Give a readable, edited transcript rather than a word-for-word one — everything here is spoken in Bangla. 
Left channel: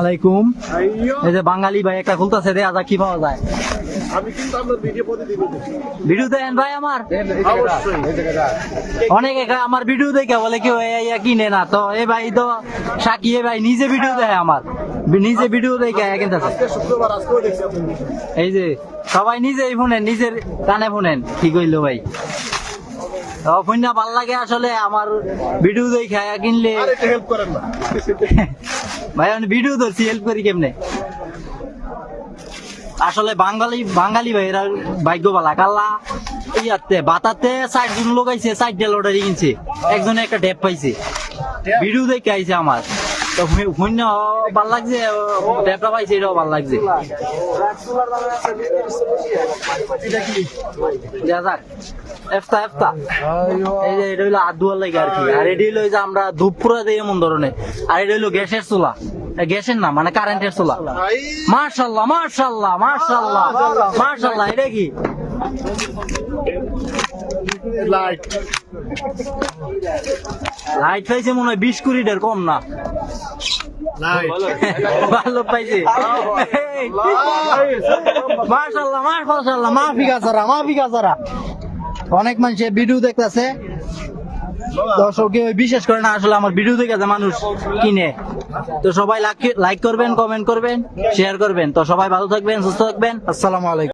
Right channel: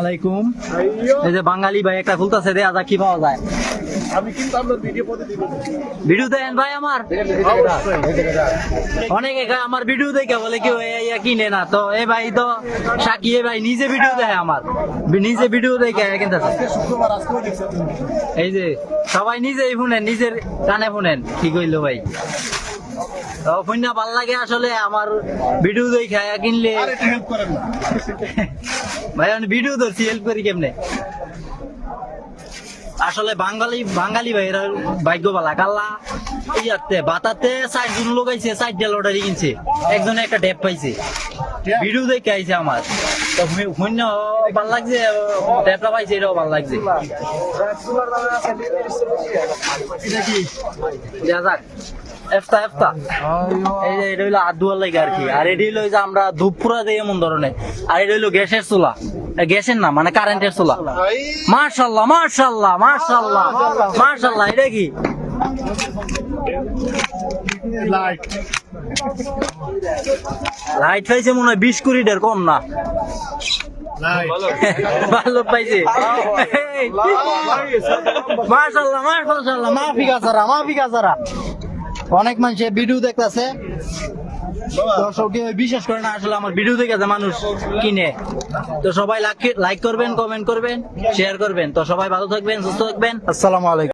আলাইকুম। এই যে বাঙালি ভাই একটা খুলতেছে রে, আজা কি পাওয়া যায়? আমি কিন্তু আপনার ভিডিও দেন ভাই আমার অনেকে আমার ভিডিও দেখে বলে কেউ কিনে না, তো এই ভাই তো সাকি ভাই নিজে ভিডিও দেখে, আমার নিজে ভিডিও দেখে কিনতেছে। শুক্রবার আজকেও দেখছি এই যে সবাই নিজেই শুনেন, নিজের কানে শুনেন, কি কইলো ভাই শুনে ভাল লাগে আসলে আমার ভিডিও দেখে কিনলে। আর একটু হেল্প করেন না ভাই আমি ভিডিও ধরছি, হেল্প করি কেমনে? আসলে বাঙালি ভাইরা ভাগ্য বালা, কাল্লা ইয়াতে বাতাতে 4 জন লোক আইছে, 4টা লটারি কিনছে, একজনে একটা ট্যাপ পাইছে, ভিডিও দেখে আইছে আমার, তো শূন্য ভাল লাগছে, ট্যাপটা পাইছে এটাও ভাল লাগছে। এই যে এটা হইলো হাত ধোয়ার লাগে আর কি, আর এটি হইলো যে আমরা ধূপ পুরা দিই এমন ধরনের, আর এটা হইলো গ্যাসের চুলা, গ্যাসের না মানে কারেন্টের চুলা। মাশাআল্লাহ মাশাআল্লাহ মাশাআল্লাহ মাশাআল্লাহ। এটা কি লাইট পাইছে মনে হয় 20 কোটির কম না, ভালো পাইছে। মাশাআল্লাহ মাশাআল্লাহ মাফি গাছারা অনেক মানুষ ভিডিও দেখতেছে, দর্শক বিশেষ করে না আসলে আমার ভিডিও দেখে মানুষ কিনে, তো সবাই লাইক করবেন, কমেন্ট করবেন, শেয়ার করবেন, তো সবাই ভালো থাকবেন, সুস্থ থাকবেন, আসসালামু আলাইকুম।